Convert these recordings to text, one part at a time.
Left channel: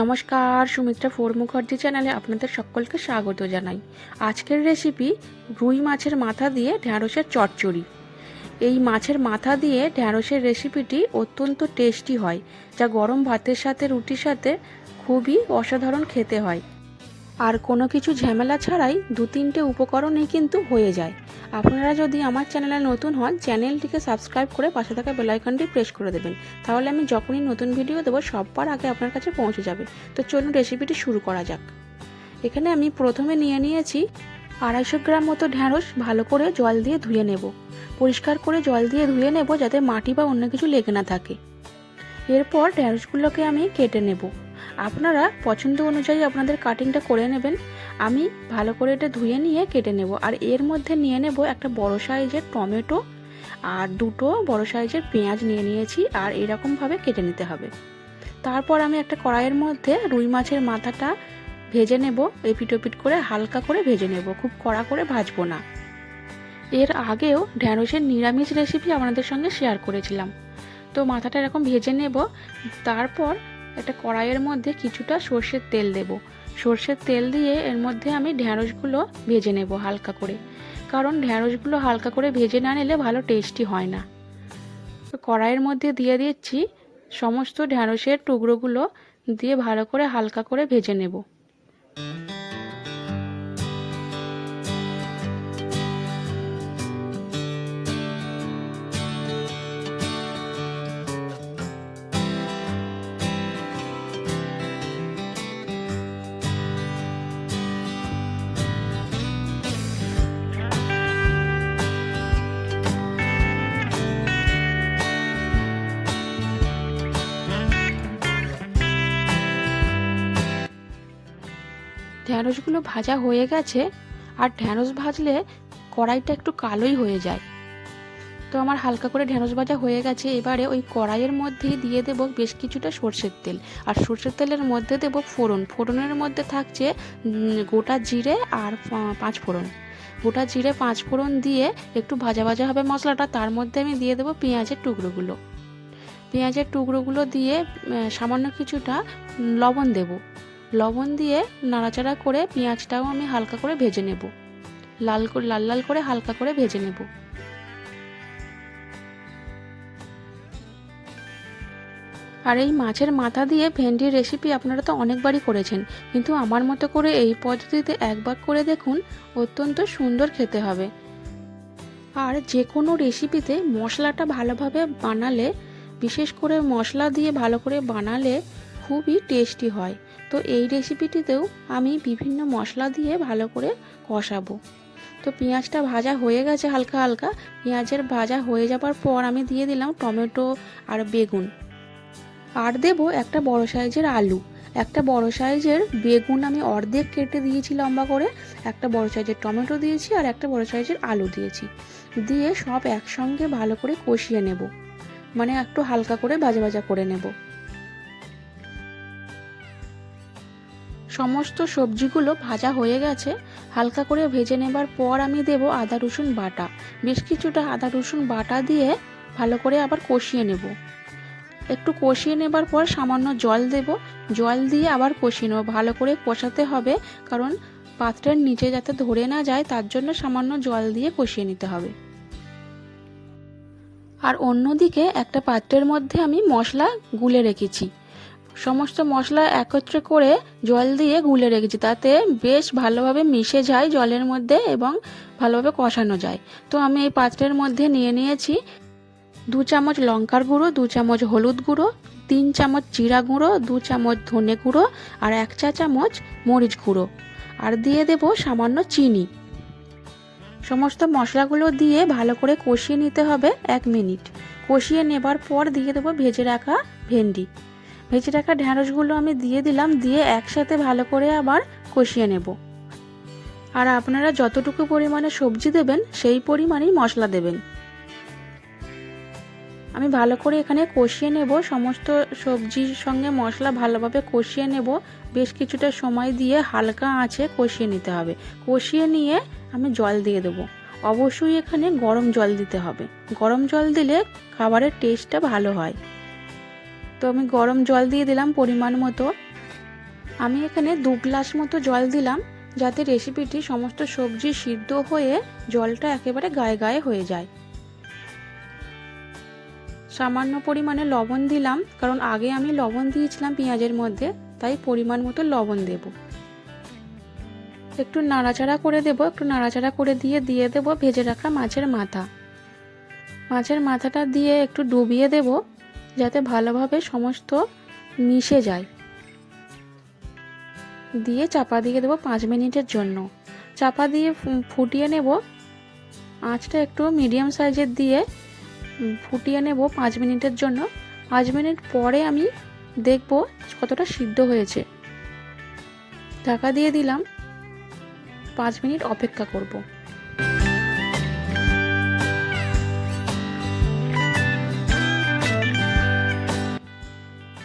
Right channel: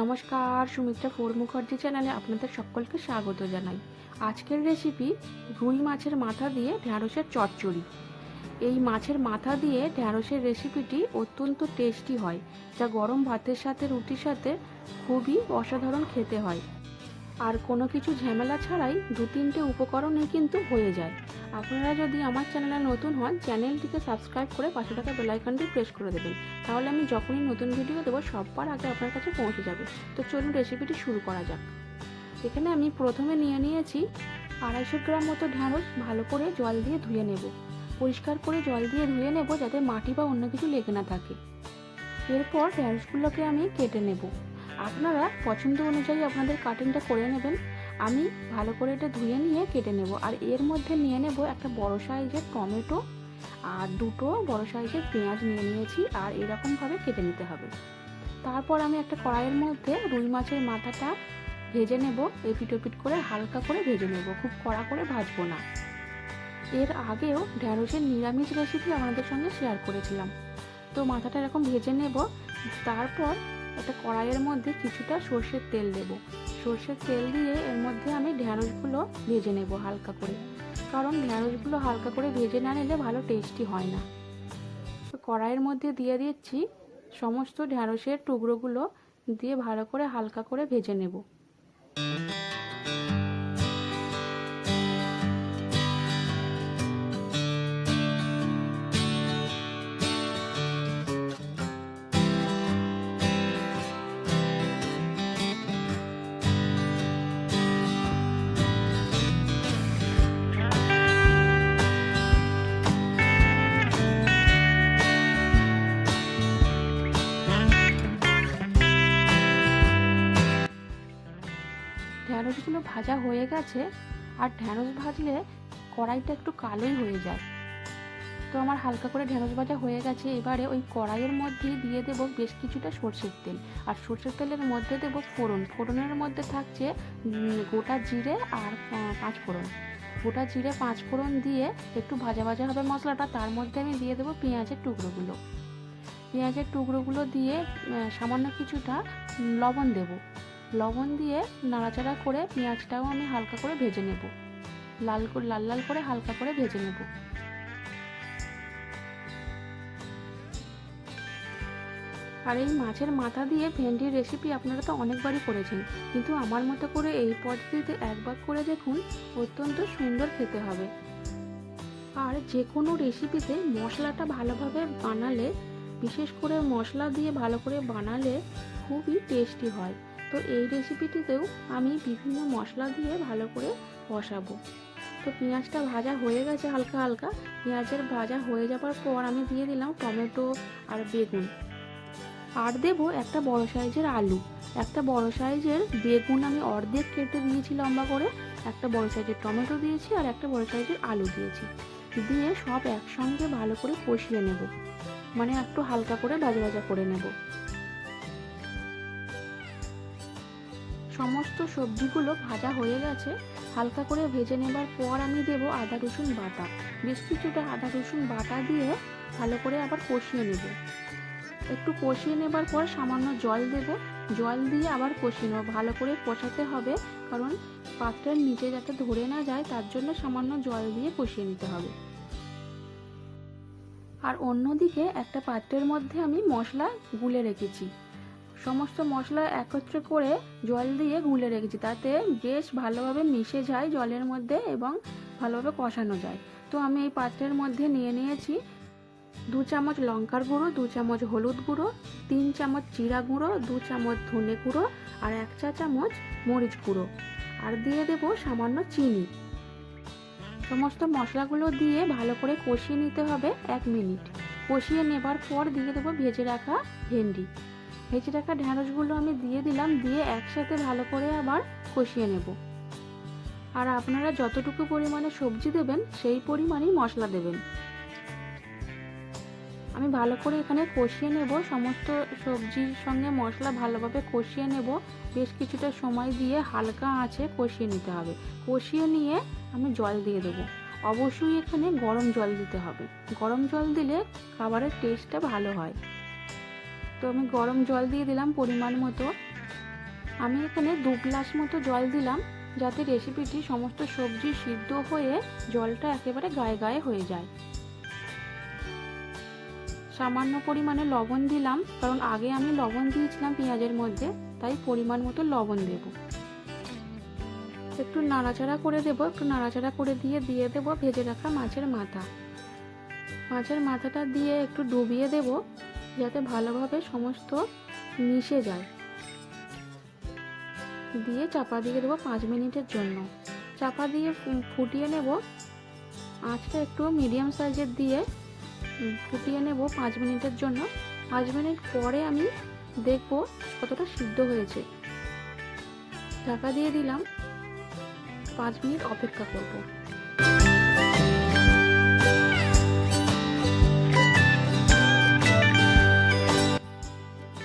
নমস্কার, সুমিত্রা ফোর মুখার্জি চ্যানেলে আপনাদের সকলকে স্বাগত জানাই। আজকের রেসিপি রুই মাছের মাথা দিয়ে ঢ্যাঁড়সের চচ্চড়ি। এই মাছের মাথা দিয়ে ঢ্যাঁড়সের রেসিপিটি অত্যন্ত টেস্টি হয়, যা গরম ভাতের সাথে রুটির সাথে খুবই অসাধারণ খেতে হয়। আর কোনো কিছু ঝামেলা ছাড়াই 2-3টে উপকরণেই কিন্তু হয়ে যায়। আপনারা যদি আমার চ্যানেলে নতুন হন, চ্যানেলটিকে সাবস্ক্রাইব করে পাশে থাকা বেল আইকনটি প্রেস করে দেবেন, তাহলে আমি যখনই নতুন ভিডিও দেবো সবার আগে আপনার কাছে পৌঁছে যাবে। তো চলুন রেসিপিটি শুরু করা যাক। এখানে আমি প্রথমে নিয়ে নিয়েছি 250 গ্রাম মতো ঢ্যাঁড়স। ভালো করে জল দিয়ে ধুয়ে নেব, পরিষ্কার করে জল দিয়ে ধুয়ে নেব যাতে মাটি বা অন্য কিছু লেগে না থাকে। এরপর ঢ্যাঁড়সগুলোকে আমি কেটে নেব। আপনারা পছন্দ অনুযায়ী আপনাদের কাটিংটা করে নেবেন। আমি ভালো করে এটা ধুয়ে নিয়ে কেটে নেব। আর এর মধ্যে নিয়ে নেব একটা বড় সাইজের টমেটো আর 2টো বড় সাইজের পেঁয়াজ নিয়ে নিয়েছি, আর এরকমভাবে কেটে নিতে হবে। তারপর আমি একটা কড়াইয়ের মধ্যে রুই মাছের মাথাটা ভেজে নেব, এপিট ওপিট করে হালকা করে ভেজে নেব, খুব কড়া করে ভাজবো না। এর আগেও ঢ্যাঁড়সের নিরামিষ রেসিপি আপনাদের সঙ্গে শেয়ার করেছিলাম। তো মাথাটা এরকম ভেজে নেব। তারপর একটা কড়াইয়ের মধ্যে কিছুটা সর্ষের তেল দেব। সর্ষের তেল দিয়ে এর মধ্যে আমি ঢ্যাঁড়সগুলো ভেজে নেব হালকা করে, কারণ ঢ্যাঁড়সগুলো হালকা করে ভেজে না নিলে ভালো টেস্টি হয় না। তো কড়াইয়ের মধ্যে দিয়ে দিচ্ছি সমস্ত ঢ্যাঁড়সের টুকরোগুলো, দিয়ে ভালো করে হালকা করে ভেজে নেব। ঢ্যাঁড়সগুলো ভাজা হয়ে গেছে। আর ঢ্যাঁড়স ভাজলে কড়াইটা একটু কালোই হয়ে যায়। তো আমার হালকা করে ঢ্যাঁড়স ভাজা হয়ে গেছে। এবারে ওই কড়াইয়ের মধ্যেই দিয়ে দেব বেশ কিছুটা সর্ষের তেল। আর সর্ষের তেলের মধ্যে দেব ফোড়ন। ফোড়নের মধ্যে থাকছে গোটা জিরে আর 5 ফোড়ন। গোটা জিরে 5 ফোড়ন দিয়ে একটু ভাজা ভাজা হবে মশলাটা। তার মধ্যে আমি দিয়ে দেব পেঁয়াজের টুকরোগুলো। পেঁয়াজের টুকরোগুলো দিয়ে সামান্য কিছুটা লবণ দেব। লবণ দিয়ে নাড়াচাড়া করে পেঁয়াজটাও আমি হালকা করে ভেজে নেব, লাল লাল করে হালকা করে ভেজে নেব। আর এই মাছের মাথা দিয়ে ভেন্ডির রেসিপি আপনারা তো অনেকবারই করেছেন, কিন্তু আমার মতো করে এই পদ্ধতিতে একবার করে দেখুন, অত্যন্ত সুন্দর খেতে হবে। আর যে কোনো রেসিপিতে মশলাটা ভালোভাবে বানালে, বিশেষ করে মশলা দিয়ে ভালো করে বানালে খুবই টেস্টি হয়। তো এই রেসিপিটিতেও আমি বিভিন্ন মশলা দিয়ে ভালো করে কষাবো। তো পেঁয়াজটা ভাজা হয়ে গেছে হালকা হালকা। পেঁয়াজের ভাজা হয়ে যাবার পর আমি দিয়ে দিলাম টমেটো আর বেগুন, আর দেব একটা বড় সাইজের আলু। একটা বড় সাইজের বেগুন আমি অর্ধেক কেটে দিয়েছি লম্বা করে, একটা বড় সাইজের টমেটো দিয়েছি, আর একটা বড় সাইজের আলু দিয়েছি। দিয়ে সব একসঙ্গে ভালো করে কষিয়ে নেব, মানে একটু হালকা করে ভাজা ভাজা করে নেব। সমস্ত সবজিগুলো ভাজা হয়ে গেছে। হালকা করে ভেজে নেবার পর আমি দেব আদা রসুন বাটা। বেশ কিছুটা আদা রসুন বাটা দিয়ে ভালো করে আবার কষিয়ে নেব। একটু কষিয়ে নেবার পর সামান্য জল দেব। জল দিয়ে আবার কষিয়ে নেব। ভালো করে কষাতে হবে, কারণ পাত্রের নিচে যাতে ধরে না যায়, তার জন্য সামান্য জল দিয়ে কষিয়ে নিতে হবে। আর অন্যদিকে একটা পাত্রের মধ্যে আমি মশলা গুলে রেখেছি। সমস্ত মশলা একত্রে করে জল দিয়ে গুলে রেখেছি, তাতে বেশ ভালোভাবে মিশে যায় জলের মধ্যে এবং ভালোভাবে কষানো যায়। তো আমি এই পাত্রের মধ্যে নিয়ে নিয়েছি 2 চামচ লঙ্কার গুঁড়ো, 2 চামচ হলুদ গুঁড়ো, 3 চামচ জিরা গুঁড়ো, 2 চামচ ধনে গুঁড়ো, আর 1 চা চামচ মরিচ গুঁড়ো, আর দিয়ে দেব সামান্য চিনি। সমস্ত মশলাগুলো দিয়ে ভালো করে কষিয়ে নিতে হবে 1 মিনিট। কষিয়ে নেবার পর দিয়ে দেবো ভেজে রাখা ভেন্ডি। ভেজে রাখা ঢ্যাঁড়সগুলো আমি দিয়ে দিলাম, দিয়ে একসাথে ভালো করে আবার কষিয়ে নেব। আর আপনারা যতটুকু পরিমাণে সবজি দেবেন সেই পরিমাণেই মশলা দেবেন। আমি ভালো করে এখানে কষিয়ে নেব, সমস্ত সবজির সঙ্গে মশলা ভালোভাবে কষিয়ে নেব। বেশ কিছুটা সময় দিয়ে হালকা আঁচে কষিয়ে নিতে হবে। কষিয়ে নিয়ে আমি জল দিয়ে দেবো। অবশ্যই এখানে গরম জল দিতে হবে। গরম জল দিলে খাবারের টেস্টটা ভালো হয়। তো আমি গরম জল দিয়ে দিলাম পরিমাণ মতো। আমি এখানে 2 গ্লাস মতো জল দিলাম, যাতে রেসিপিটি সমস্ত সবজি সিদ্ধ হয়ে জলটা একেবারে গায়ে গায়ে হয়ে যায়। সামান্য পরিমাণে লবণ দিলাম, কারণ আগে আমি লবণ দিয়েছিলাম পেঁয়াজের মধ্যে, তাই পরিমাণ মতো লবণ দেব। একটু নাড়াচাড়া করে দেব, একটু নাড়াচাড়া করে দিয়ে দেব ভেজে রাখা মাছের মাথা। মাছের মাথাটা দিয়ে একটু ডুবিয়ে দেব, যাতে ভালোভাবে সমস্ত মিশে যায়। দিয়ে চাপা দিয়ে দেবো 5 মিনিটের জন্য। চাপা দিয়ে ফুটিয়ে নেব। আঁচটা একটু মিডিয়াম সাইজের দিয়ে ফুটিয়ে নেব 5 মিনিটের জন্য। 5 মিনিট পরে আমি দেখব কতটা সিদ্ধ হয়েছে। ঢাকা দিয়ে দিলাম, 5 মিনিট অপেক্ষা করব।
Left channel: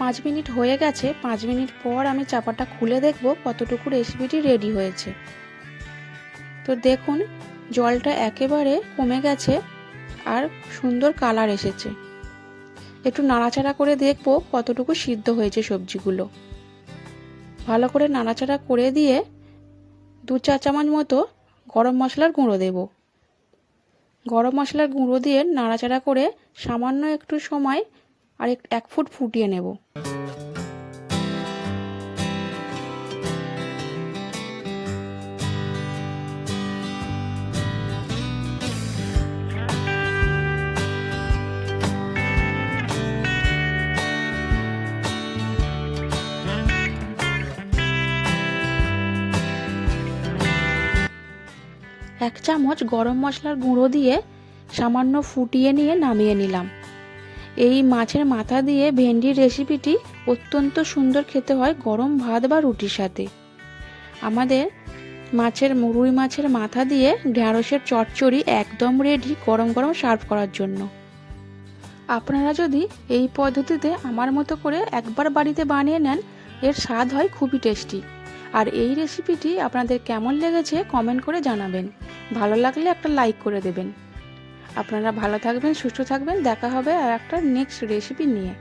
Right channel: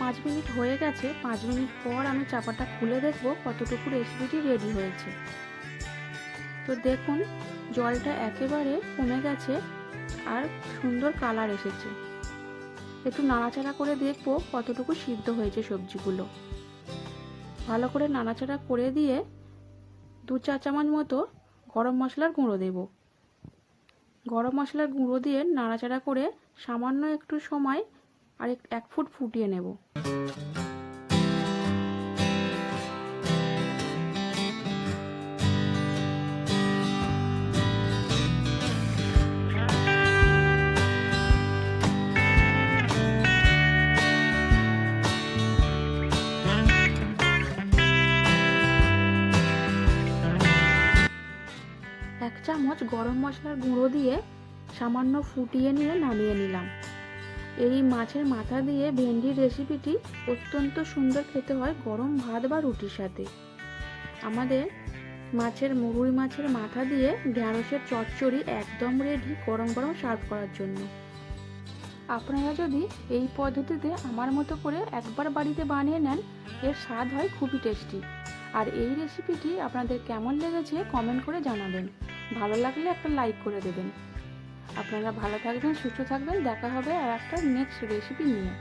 5 মিনিট হয়ে গেছে। 5 মিনিট পর আমি চাপাটা খুলে দেখব কতটুকু রেসিপিটি রেডি হয়েছে। তো দেখুন, জলটা একেবারে কমে গেছে আর সুন্দর কালার এসেছে। একটু নাড়াচাড়া করে দেখব কতটুকু সিদ্ধ হয়েছে সবজিগুলো। ভালো করে নাড়াচাড়া করে দিয়ে 2-4 চামচ মতো গরম মশলার গুঁড়ো দেব। গরম মশলার গুঁড়ো দিয়ে নাড়াচাড়া করে সামান্য একটু সময় আর 1 ফুট ফুটিয়ে নেব। এক চামচ গরম মশলার গুঁড়ো দিয়ে সামান্য ফুটিয়ে নিয়ে নামিয়ে নিলাম। এই মাছের মাথা দিয়ে ভেন্ডির রেসিপিটি অত্যন্ত সুন্দর খেতে হয় গরম ভাত বা রুটির সাথে। আমাদের রুই মাছের মাথা দিয়ে ঢ্যাঁড়সের চচ্চড়ি একদম রেডি গরম গরম সার্ভ করার জন্য। আপনারা যদি এই পদ্ধতিতে আমার মতো করে একবার বাড়িতে বানিয়ে নেন, এর স্বাদ হয় খুবই টেস্টি। আর এই রেসিপিটি আপনাদের কেমন লেগেছে কমেন্ট করে জানাবেন। ভালো লাগলে একটা লাইক করে দেবেন। আপনারা ভালো থাকবেন, সুস্থ থাকবেন। দেখা হবে আর একটা নেক্সট রেসিপি নিয়ে।